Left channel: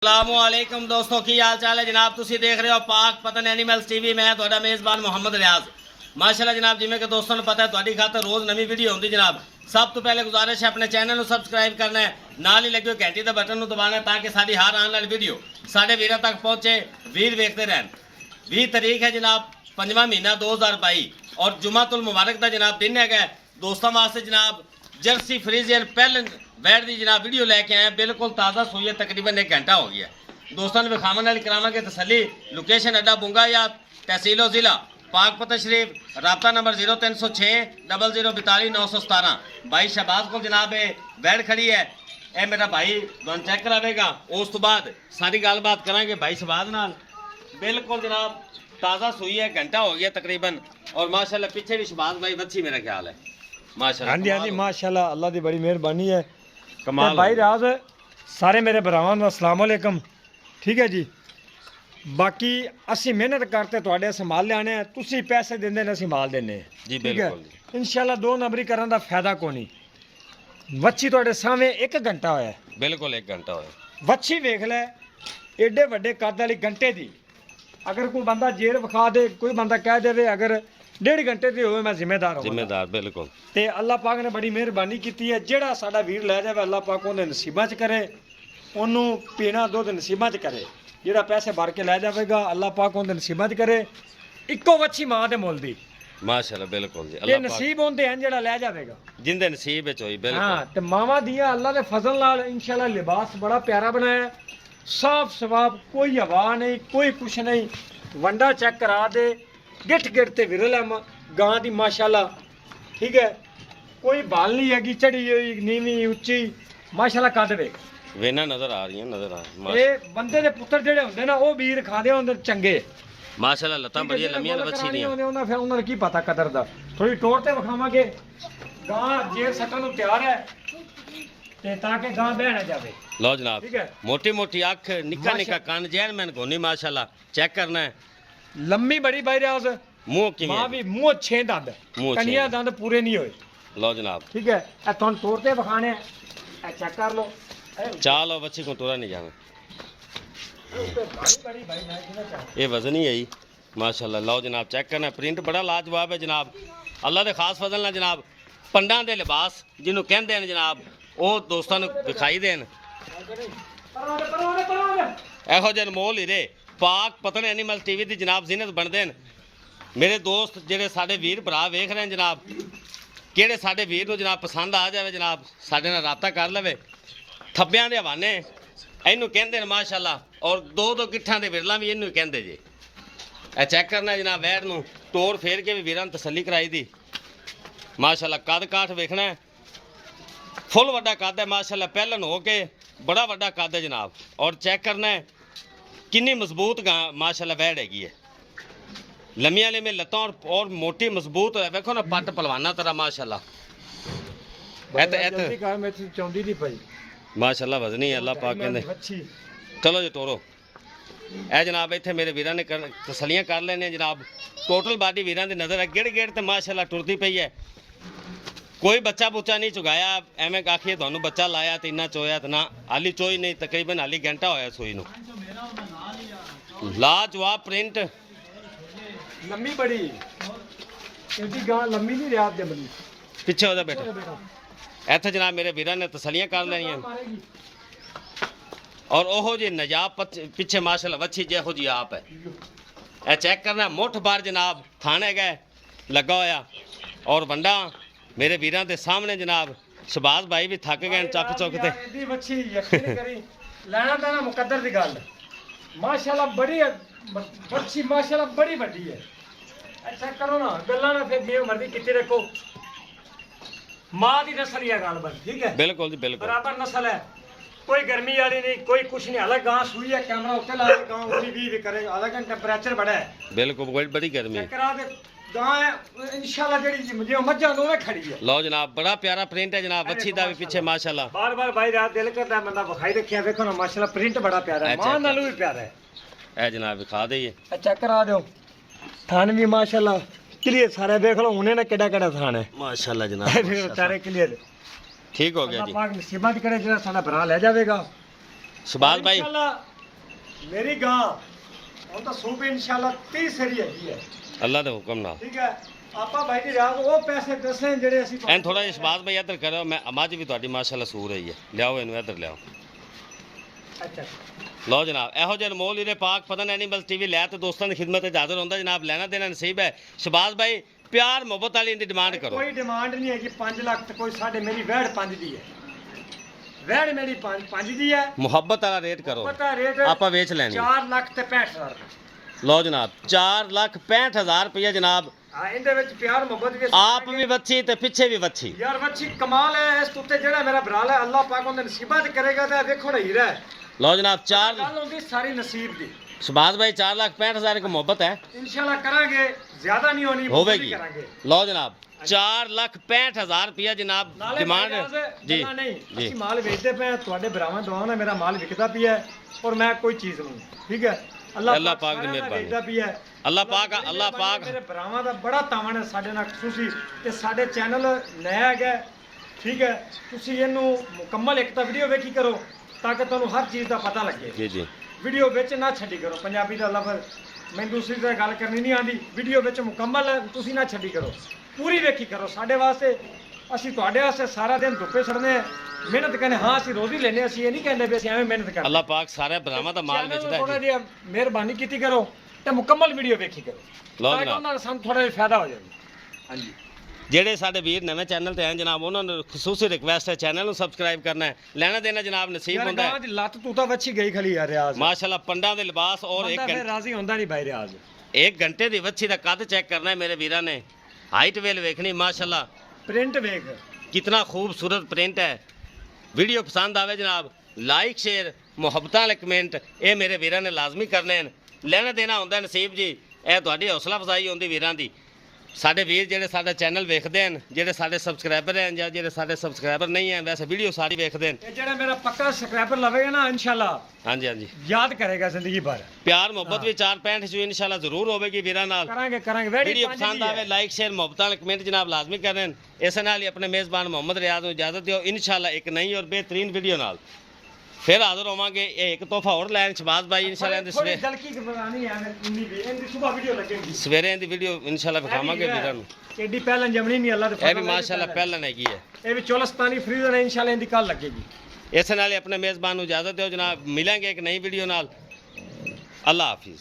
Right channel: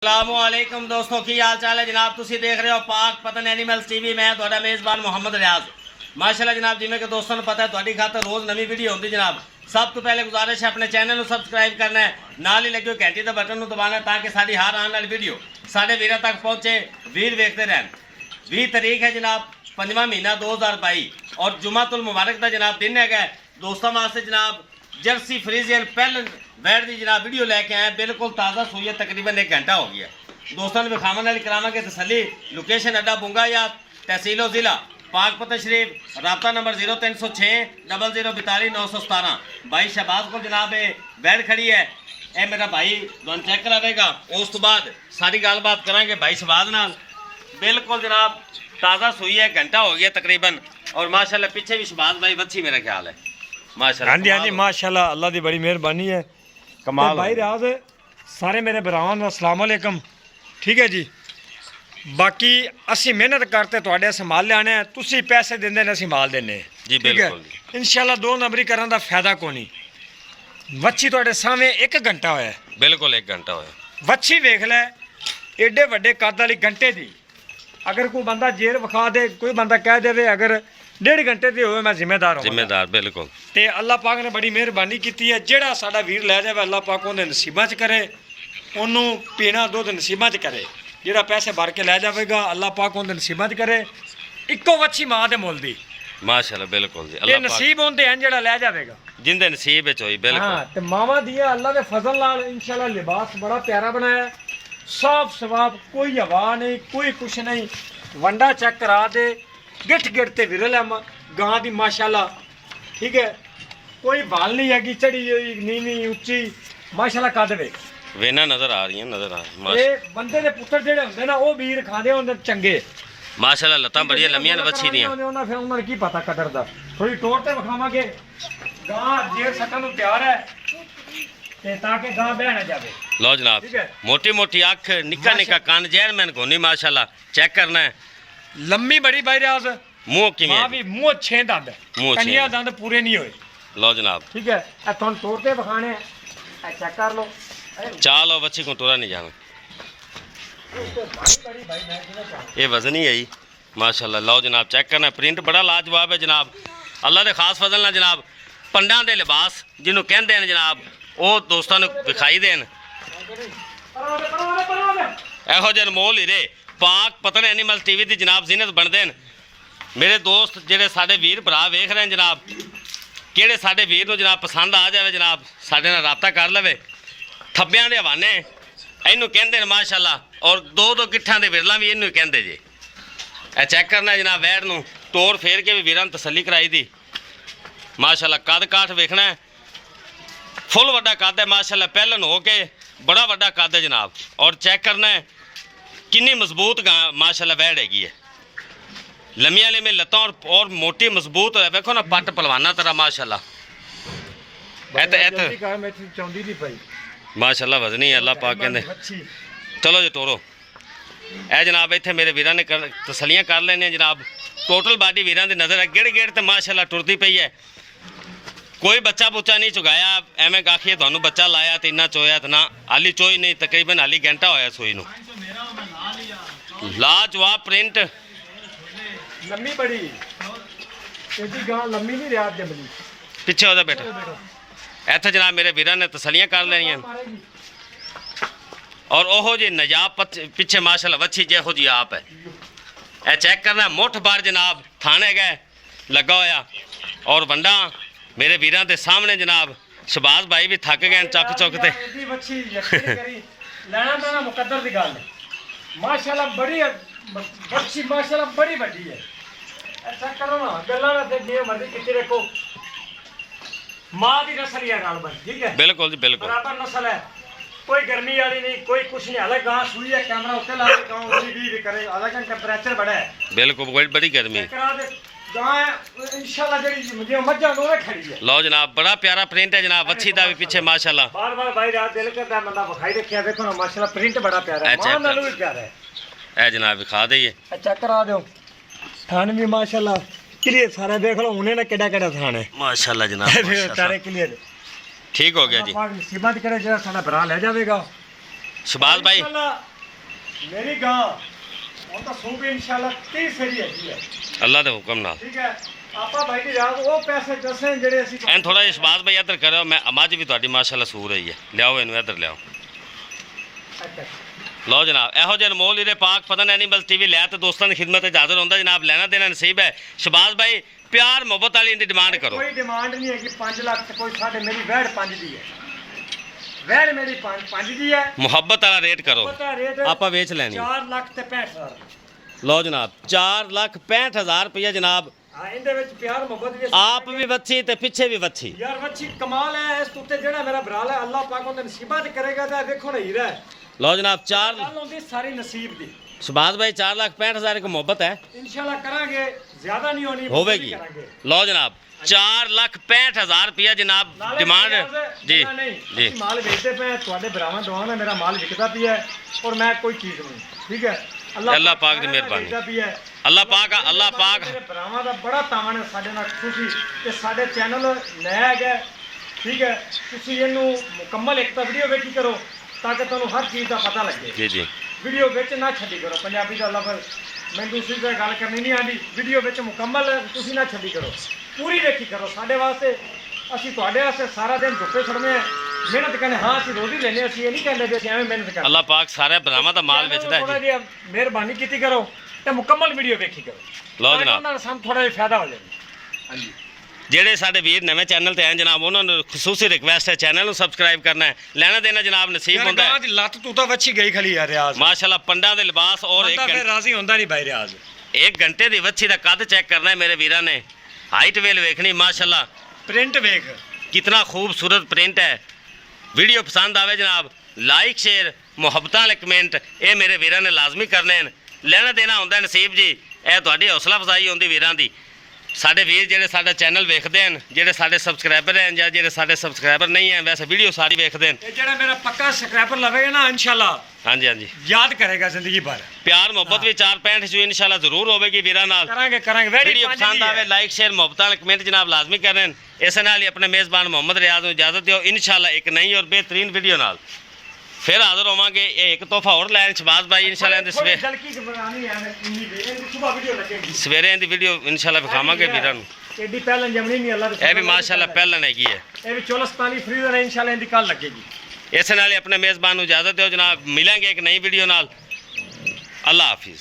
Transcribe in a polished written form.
अस्सलामुअलैकुम दोस्तों की हाल चाल है जनाब। तुसी देख रहे हो पाक पतन एनिमल्स टीवी। मैं तुहाडा मेज़बान मुहम्मद रियाज। माशाल्लाह जनाब, जिमें कि दोस्तों को पता है तुहाडी खातर रोज़ नवी वीडियो होंदी जनाब। सब तो पहले गुजारिश है अपने चैनल को सबसक्राइब करना है, नाल ही लगे घंटी के बटन दबाना है ताकि साडी हर आने वाली वीडियो साडे वीरां तक पहुँचे, वीर देखते रहन। 20 तारीख है जनाब, 5वां महीना 2022 और जुमातुल मुबारक का जनाब दिन है। दोस्तों वास्ते जनाब जर्सी फ्रीजियन पहले बैठ दी जनाब वीडियो लेके आए, बिल्कुल ताज़ा सुई है, तकरीबन 1 घंटा हो गया। दोस्तों ने विखावन वाली करावांगे तसली। लोकेशन अड्डा बुंगा या तहसीलो ज़िला पाकपत शरीफ। रबता नंबर 0306 0042 917। भाई शहबाज को जनाब बैठ खड़ी है, यह मेरा भाई तुम चेक करावेगा। उस तो बाद सारी गलबात करांगे भाई शहबाज नाल। बिल्कुल जनाब ताज़ा सुई है, घंटा हो गया तकरीबन। और माशाल्लाह पीछे भी शहबाज भाई बच्ची मेरा ख्याल है माशाल्लाह। हाँ जी हाँ जी माशाल्लाह, अल्लाह की बड़ी मेहरबानी है। कमाल भाई राज सारे मेरे भरावां दा अस्सलाम वालेकुम। ठीक है जी, बाकी असी मेहनत करते तुहाडे संभाल लियाने, तुसी पैसे देंदे ने असी माल देने जी। बिल्कुल इंशाल्लाह 2 नंबरी करन दा फायदा कोनी। वच्छी तुहाडे सामने 1 घंटा होया, बिल्कुल 1 घंटा होया। वच्छी वेख लै एडे वड्डे कद वाली घंटे दी। अगर कोई बंदा जेर विखा दे, कोई बंदा कह देवे अगर 1.5 घंटे दी होवे मैं जिम्मेदार हूँ। जिम्मेदार बिल्कुल। ते अल्लाह पाक ने बड़ी मेहरबानी की है। जेड़ा साडा वीर लै जावे अल्लाह पाक उहदे नसीबां च करे, ओनू पीना दुध नसीबां च करे। जेड़ा पैसे भर के लै जावेगा अल्लाह पाक उहदे नसीबां च करे। इक्को वच्छी मां दे मुल दी माशाल्लाह बिल्कुल जी। ये अल्लाह पाक नसीब होंदे हैं जेड़ा लै जावेगा। जिंदे नसीब विच होई बिल्कुल। हाँ ते मावा दिया अल्लाह दे फजल नाल इंशाल्लाह लिबास बड़ा प्यारा बनाया, साफ सवाब, कोई हवा नहीं, कोई कुछ नहीं। वंडा चेक करा दे, गिठ गिठ ते विरल है गां दी माशाल्लाह। ठीक है, कोई बाल नहीं है कि चढ़ी हुई नीवी उच्ची माशाल्लाह कद वे वेना नजर आ रही है, नजर आ रही ये बंदे दे पुत्तर जेड़े हुंदे ना ओ वीर खांदे हुंदे चंगे। माशाल्लाह लत्तां बड़ियां लंमियां ने बच्ची दियां। उन्होंने फिर उन्होंने की पता कदर दा। थोड़ी टोर ते विखावांगे गां जेर सकन नूं तैयार है ते ताकि गां बह ना जावे। लो जनाब, ठीक है। मोटी मोटी अख, निक्का निक्का कान, जैन मैन कोनी माशाल्लाह चेक करना है। लम्मी बड़ी बाई राज, मुंह किवें मां है? भी मुंह 6 दंद, मुंह छे कनिया दंद पूरे नहीं होए। लो जनाब ठीक है, ए तुम तोड़ के विखाने ए चेक कर लो। चालो बच्ची को टोरा नहीं जाना, बड़ी भाई मैं किना चाह ये वजन ही है जी माशाल्लाह। लो जनाब चेक करना, प्रिंट बड़ा लाजवाब है जनाब। अल्लाह के खास फजल ना जनाब पंडा दे लिबास जिन्हों कहते हैं जनाब वो दोस्तों ने विखाई देन। ਇਹੋ ਜਿਹੇ ਅਨਮੋਲ ਹੀਰੇ ਪਾਕ ਪਤਨ ਐਨੀਮਲ ਟੀਵੀ ਦੀ ਜਨਾਬ ਜ਼ਿਨਤ ਬਣਦੇ ਨੇ। ਮੇਰੇ ਦੋਸਤ ਜਿਹੜੇ ਸਾਡੇ ਵੀਰ ਭਰਾ ਵੇਖ ਰਹੇ ਨੇ ਜਨਾਬ, ਕਿਹੜੇ ਸਾਡੇ ਵੀਰ ਨੂੰ ਜਨਾਬ ਪਸੰਦ ਆ ਜਾਵੇ ਜਨਾਬ ਸਾਡੇ ਨਾਲ ਰਾਬਤਾ ਕਰ ਲਵੇ। ਥੱਬਿਆਂ ਦੇ ਹਵਾਨੇ ਇਹਨੂੰ ਕਹਿੰਦੇ ਨੇ ਮਾਸ਼ਾਅੱਲਾ, ਔਰ 2-2 ਗਿੱਠਾਂ ਦੇ ਵਿਰਲਾ ਵੀ ਇਹਨੂੰ ਕਹਿੰਦੇ ਜੇ। ਇਹ ਚੈੱਕ ਕਰਨਾ ਜਨਾਬ, ਵੈੜ ਨੂੰ ਤੋੜ ਫੇਰ ਕੇ ਵੀ ਵੀਰਾਂ ਨੂੰ ਤਸੱਲੀ ਕਰਾਈ ਦੀ ਮਾਸ਼ਾਅੱਲਾ। ਕੱਦ ਕਾਠ ਵੇਖਣਾ फुल वड्डा कद है माशाल्लाह, पहलन हो के बड़ा वड्डा कद है जनाब। और चेक करना है कितनी मजबूत माशाल्लाह वैड़ हैगी है, लम्मियां लम्मियां लत्तां और मोटी मजबूत है। देखो ना पट पलवाना तरह माशाल्लाह। माशाल्लाह वजनी है, अल्लाह पाक कहते। चलो जी तोरो ए जनाब, इत्थे मेरे वीरां ने तसलियां कर लेने जनाब। टोटल बाडी वीरां दी नज़र है, गिड़ गिड़ ते माशाल्लाह टुरदी पई है। कोई बच्चा बुच्चा नहीं चुगाया एवं आखिए थानू बच्चा लाया तो इन्ना चोया तो ना, हाली चोई नहीं, तकरीबन हाली घंटा होया सोई नू। लाजवाब प्रिंट, लम्मी बड़ी एडी गां लम्मी नहीं रियाद दे बनी पिछे होदा बेटा। इत्थे जनाब मेरे वीरां ने तसलियां कर लेनियां। और ओहो जी नजाब पिछे माशाल्लाह वच्छी जेहो जी आप है। ए चेक करना मुठ बार जनाब थाने गए लगा होया। और वंडा मेरे वीरां दे सामने जनाब शहबाज भाई भी थक गए चक चुक ते। लेना तो मुकद्दर दी गल माशाल्लाह, बड़ी बच्ची माशाल्लाह बड़ी बड़ी है। चेक करो ना गल्लां में फिर जिवें मर्जी किते रखो, मां दी नस्ल ही है गल बस। ठीक है, बिल्कुल जी बिल्कुल बराबर नस्ल है, कोई गर्मी वाली नहीं, कोई कुछ नहीं। हालांकि गां सुई है, कैमरा उत्ते ला के गां उसी भी करे, हालांकि टेंपरेचर बड़ा है। बिल्कुल बड़ी गर्मी चेक करा दे गां इंशाल्लाह जेडी जो मज्जां दोवे खड़ी है। लो जनाब बड़ा प्यारा प्रिंट है जनाब, वच्छी दा भी पीछे माशाल्लाह। बार बार भाई रात दिल करता है बंदा बखाई रखिया। देखो ना माशाल्लाह प्रिंट बड़ा प्यारा है, मां नालों भी प्यारा है। ए जनाब दिखा दईए, चेक करा दो थान भी माशाल्लाह क्लियर सारा देख लो। उन्हें ना केड़ा केड़ा थान है माशाल्लाह जनाब, सारे क्लियर ठीक हो गया जी। पाक नसीबत करे जरा साडा भरा ले जावेगा। ਸ਼ਬਾਜ਼ ਭਾਈ इंशाल्लाह मेरी गां ਹੁਣ ਤਾਂ ਸੂਬੇ ਇੰਸ਼ਾਅੱਲਾ 30 ਸਰੀ ਹੈਗੀ ਹੈ ਅੱਲਾ ਦੇ ਹੁਕਮ ਨਾਲ। ਠੀਕ ਹੈ ਆਪਾਂ ਭਾਈ ਦੀ ਰਾਤ ਉਹ ਪੈਸੇ ਦੱਸੇ ਜਿਹੜੇ ਅਸੀਂ ਐਨ ਥੋੜਾ ਜਿਹਾ ਸ਼ਬਾਜ਼ ਭਾਈ ਇੱਧਰ ਕਰਿਓ। ਮੈਂ ਮੱਝ ਵੀ ਤੁਹਾਡੀ ਮਾਸ਼ਾਅੱਲਾ ਸੂ ਰਹੀ ਹੈ। ਲਿਆਓ ਇਹਨੂੰ ਇੱਧਰ ਲਿਆਓ। ਅੱਛਾ ਲਓ ਜਨਾਬ, ਇਹੋ ਜਿਹੇ ਅਨਮੋਲ ਹੀਰੇ ਪਾਕ ਪਤਨ ਐਨੀਮਲ ਟੀਵੀ ਲੈ ਤੇ ਦੋਸਤਾਂ ਦੀ ਖਿਦਮਤ 'ਚ ਹਾਜ਼ਰ ਹੁੰਦਾ ਜਨਾਬ। ਲੈਣਾ ਦੇਣਾ ਨਸੀਬ ਹੈ। ਸ਼ਬਾਜ਼ ਭਾਈ ਪਿਆਰ ਮੁਹੱਬਤ ਵਾਲੀ ਇਹਦੀ ਡਿਮਾਂਡ ਕਰੋ। ਕੋਈ ਡਿਮਾਂਡ ਨਹੀਂ ਹੈਗੀ 5 ਲੱਖ ਤੇ ਕੋਈ ਸਾਡੇ ਮੇਰੀ ਵਹਿੜ 5 ਦੀ ਹੈ। ਵਹਿੜ ਮੇਰੀ 5 ਦੀ ਹੈ। ਮੁਹੱਬਤ ਵਾਲਾ ਰੇਟ ਕਰੋ, ਪਤਾ ਰੇਟ ਆਪਾਂ ਵੇਚ ਲੈਣੀ। 4 ਲੱਖ ਤੇ 65,000 ਰੁਪਏ। ਲਓ ਜਨਾਬ 4,65,000 ਰੁਪਏ ਜਨਾਬ। ਹਾਂ ਇਹਦੇ ਵਿੱਚ ਪਿਆਰ ਮੁਹੱਬਤ ਵੀ ਆਪ ਵੀ ਵੱਛੀ ਤੇ ਪਿੱਛੇ ਵੀ ਵੱਛੀ। ਯਾਰ ਵੱਛੀ ਕਮਾਲ ਹੈ। ਇਸ ਉੱਤੇ ਜਿਹੜਾ ਮੇਰਾ ਬਰਾਲ ਹੈ ਅੱਲਾਹ ਪਾਕ ਉਹਦੇ ਨਸੀਬਾਂ ਤੇ ਕਰੇਗਾ ਤਾਂ ਵੇਖੋ ਨਾ ਹੀਰਾ ਹੈ। ਲਓ ਜਨਾਬ 4 ਗੱਲ ਹੁੰਦੀ ਸਾਰੀ ਨਸੀਬ ਦੀ। ਸ਼ਬਾਜ਼ ਭਾਈ 4,65,000 ਇੱਕ ਮੁਹੱਬਤ ਹੈ, ਇਨਸ਼ਾਅੱਲਾ ਕਰਾਂਗੇ, ਜ਼ਿਆਦਾ ਨਹੀਂ ਹੋਣੀ ਹੋਵੇਗੀ। ਕਰਾਂਗੇ। ਲਓ ਜਨਾਬ 4,65,000 ਰੁਪਏ ਜਨਾਬ ਨਾਲੇ ਡਿਮਾਂਡ ਇਜਾਜ਼ਤ ਜੀ ਦੇਣਾ ਨਹੀਂ, ਜੀ। ਅਸੀਂ ਮਾਲ ਵੇਚਦੇ ਪਏ ਤੁਹਾਡੇ ਭਰਾਵਾਂ ਦੁਆਵਾਂ ਨਾਲ ਮੇਰਾ ਮਾਲ ਵਿਕਦਾ ਪਿਆ ਹੈ ਔਰ ਮੈਂ ਕੋਈ ਚੀਜ਼ ਨਹੀਂ। ਠੀਕ ਹੈ ਅੱਲਾਹ ਪਾਕ ਦੀ ਸਾਰਿਆਂ ਨਾਲ ਮਿਹਰਬਾਨੀ। ਵੇਚਦਾ ਪਿਆ ਹੈ। ਅੱਲਾਹ ਪਾਕ ਮੇਰੇ ਭਰਾਵਾਂ ਦਾ ਬੜਾ ਤਾਵਨ ਹੈ ਸਾਡੇ ਨਾਲ ਖੁਸ਼ੀ ਤੇ ਸਾਡੇ ਚੈਨਲ ਨਇਆ ਹੈਗਾ। ਠੀਕ ਹੈ ਤੁਸੀਂ ਇਹਨੂੰ ਮੁਕੰਮਲ ਇੱਕ ਤਾਂ ਵੀਡੀਓ ਵੇਖੀ ਕਰੋ ਤਾਂ ਕਿ ਤੁਹਾਨੂੰ ਹਰ ਚੀਜ਼ ਦਾ ਪਤਾ ਲੱਗੇ। ਜੀ ਜੀ। ਵੀਡੀਓ ਵਿੱਚ ਨਾ ਛੱਡੀ ਕਰੋ। ਪੰਜਾਬੀ ਦਾ ਲਫ਼ਜ਼ ਮੈਨੂੰ ਦੂਸਰੀ ਤਰ੍ਹਾਂ ਗੱਲ ਕਰਨੀ ਨਹੀਂ ਆਉਂਦੀ। ਵੀਡੀਓ ਵਿੱਚ ਮੁਕੰਮਲ ਤੁਸੀਂ ਨਾ ਛੱਡੀ ਕਰੋ, ਪੂਰੀ ਵੇਖੀ ਕਰੋ। ਸਾਡੇ ਵਾਸਤੇ ਅਸੀਂ ਤੁਹਾਡੇ ਵਾਸਤੇ ਸਾਰਾ ਦਿਨ ਧੁੱਪੇ ਛੜਨੇ ਆ, ਮਿਹਨਤ ਕਰਨੇ। ਹਾਂ ਅਸੀਂ ਰੋਜ਼ ਹੀ ਲੈਨੇ, ਅਸੀਂ ਇਹ ਨਹੀਂ ਕਹਿੰਦੇ ਵੀ ਅਸੀਂ ਐਵੇਂ ਮਿਹਨਤ ਕਰਦੇ। ਅੱਲਾਹ ਪਾਕ ਸਾਰੇ ਭਰਾਵਾਂ ਦਾ ਮਾਲ ਵੇਚਦਾ ਹੈ ਜੀ। ਮਿਹਰਬਾਨੀ ਕੀਤੀ ਕਰੋ ਤੇ ਮੁਕੰਮਲ ਵੀਡੀਓ ਵੇਖੀ ਕਰੋ। ਲਓ ਜਨਾਬ, ਨਾਲ ਸਾਨੂੰ ਥੋੜਾ ਜਿਹਾ ਫਾਇਦਾ ਹੋ ਜਾਵੇ। ਹਾਂਜੀ ਜਿਹੜੇ ਸਾਡੇ ਵੀਰ ਨਵੇਂ ਚੈਨਲ ਤੇ ਆਏ ਜਨਾਬ ਉਹਨਾਂ ਨੂੰ ਖਸੂਸੀ ਰਿਕਵੈਸਟ ਹੈ ਚੈਨਲ ਨੂੰ ਸਬਸਕ੍ਰਾਈਬ ਕਰਨਾ ਹੈ। ਲੈਣਾ ਦੇਣਾ ਜਨਾਬ ਨਸੀਬ ਹੁੰਦਾ ਹੈ। ਦੀ ਲੱਤ ਤੂੰ ਤਾਂ ਵੱਛੀ ਗਈ ਖਲੀ ਆ ਰਿਆਜ਼। ਮਾਸ਼ਾਅੱਲਾ ਪੰਡਾਂ ਦੇ ਲਿਬਾਸ ਔਰ ਬੰਦਾ ਫਿਰ ਰਾਜ਼ੀ ਹੁੰਦਾ ਨਹੀਂ ਭਾਈ ਰਿਆਜ਼। 1 ਘੰਟੇ ਦੀ ਵੱਛੀ ਦਾ ਕੱਦ ਚੈੱਕ ਕਰਨਾ ਹੈ ਮੇਰੇ ਵੀਰਾਂ ਨੇ। ਹਾਈਟ ਵੇਲ ਵੇਖਣੀ ਮਾਸ਼ਾਅੱਲਾ ਪ੍ਰਿੰਟ ਵੇਖ ਕਿਤਨਾ ਖੂਬਸੂਰਤ ਪ੍ਰਿੰਟ ਹੈ। ਵੀਡੀਓ ਪਸੰਦ ਆਵੇ ਜਨਾਬ ਲਾਈਕ ਸ਼ੇਅਰ ਮੁਹੱਬਤਾਂ ਵਾਲੇ ਕਮੈਂਟ ਇਹ ਮੇਰੇ ਵੀਰਾਂ ਨੇ ਲਾਜ਼ਮੀ ਕਰਨੇ ਨੇ। ਲੈਣਾ ਦੇਣਾ ਹੁੰਦਾ ਨਸੀਬ ਜੀ। ਇਹ ਤੁਹਾਡੀ ਹੌਸਲਾ ਅਫਜ਼ਾਈ ਹੁੰਦੀ ਵੀਰਾਂ ਦੀ। ਸਾਡੇ ਵੀਰ ਜਿਹੜੇ ਸਾਡਾ ਚੈਨਲ ਵੇਖਦੇ ਹਨ, ਜਿਹੜੇ ਸਾਡੇ ਸਬਸਕ੍ਰਾਈਬਰ ਹਨ ਜਾਂ ਜਿਹੜੇ ਸਾਡੇ ਸਬਸਕ੍ਰਾਈਬਰ ਨਹੀਂ ਹਨ, ਵੈਸੇ ਵੀਡੀਓ ਸਾਰੀ ਵੇਖਦੇ ਹਨ। ਇਹ ਜਿਹੜਾ ਮੇਰਾ ਪੱਕਾ ਸਬਸਕ੍ਰਾਈਬਰ ਲਵੇਗਾ ਨਾ ਇਨਸ਼ਾਅੱਲਾ ਹਾਂਜੀ ਹਾਂਜੀ ਯਾਦ ਕਰੇਗਾ ਜ਼ਿੰਦਗੀ ਭਰ। ਪਿਆਰ ਮੁਹੱਬਤ ਵੀ 465 ਚ ਇਨਸ਼ਾਅੱਲਾ ਜ਼ਰੂਰ ਹੋਵੇਗੀ ਵੀਰਾਂ ਨਾਲ। ਕਰਾਂਗੇ ਵੀਡੀਓ ਪਸੰਦ ਆਵੇ ਲਾਈਕ ਸ਼ੇਅਰ ਮੁਹੱਬਤਾਂ ਵਾਲੇ ਕਮੈਂਟ ਜਨਾਬ ਲਾਜ਼ਮੀ ਕਰਨ। ਇਸੇ ਨਾਲ ਹੀ ਆਪਣੇ ਮੇਜ਼ਬਾਨ ਮੁਹੰਮਦ ਰਿਆਜ਼ ਨੂੰ ਇਜਾਜ਼ਤ ਦਿਓ। ਇਨਸ਼ਾਅੱਲਾ ਇੱਕ ਨਈ ਔਰ ਬਿਹਤਰੀਨ ਵੀਡੀਓ ਨਾਲ ਫਿਰ ਹਾਜ਼ਰ ਹੋਵਾਂਗੇ। ਇਹ ਇੱਕ ਤੋਹਫਾ ਹੋਰ ਲੈਣ ਸ਼ਬਾਜ਼ ਭਾਈ ਇਨਸ਼ਾਅੱਲਾ ਇਹਦੇ ਸਵੇਰੇ ਇਹਦੀ ਵੀਡੀਓ ਇਨਸ਼ਾਅੱਲਾ ਵਿਖਾਵਾਂਗੇ ਵੀਰਾਂ ਨੂੰ। ਐਡੀ ਪਹਿਲਾਂ ਜਮਣੀ ਨਹੀਂ ਅੱਲਾ ਦੇ। ਇਹ ਵੀ ਮਾਸ਼ਾਅੱਲਾ ਪਹਿਲਾਂ ਹੈਗੀ ਹੈ। ਇਹ ਵੀ 44 ਫਰੀਜ਼ਰ ਹੈ ਇਨਸ਼ਾਅੱਲਾ ਇਹਦੀ ਕੱਲ ਲੱਗੇਗੀ। ਇਸੇ ਨਾਲ ਹੀ ਆਪਣੇ ਮੇਜ਼ਬਾਨ ਨੂੰ ਇਜਾਜ਼ਤ ਦਿਓ ਜਨਾਬ। ਮਿਲਾਂਗੇ ਇੱਕ ਨਈ ਵੀਡੀਓ ਨਾਲ। ਅੱਲਾ ਹਾਫਿਜ਼।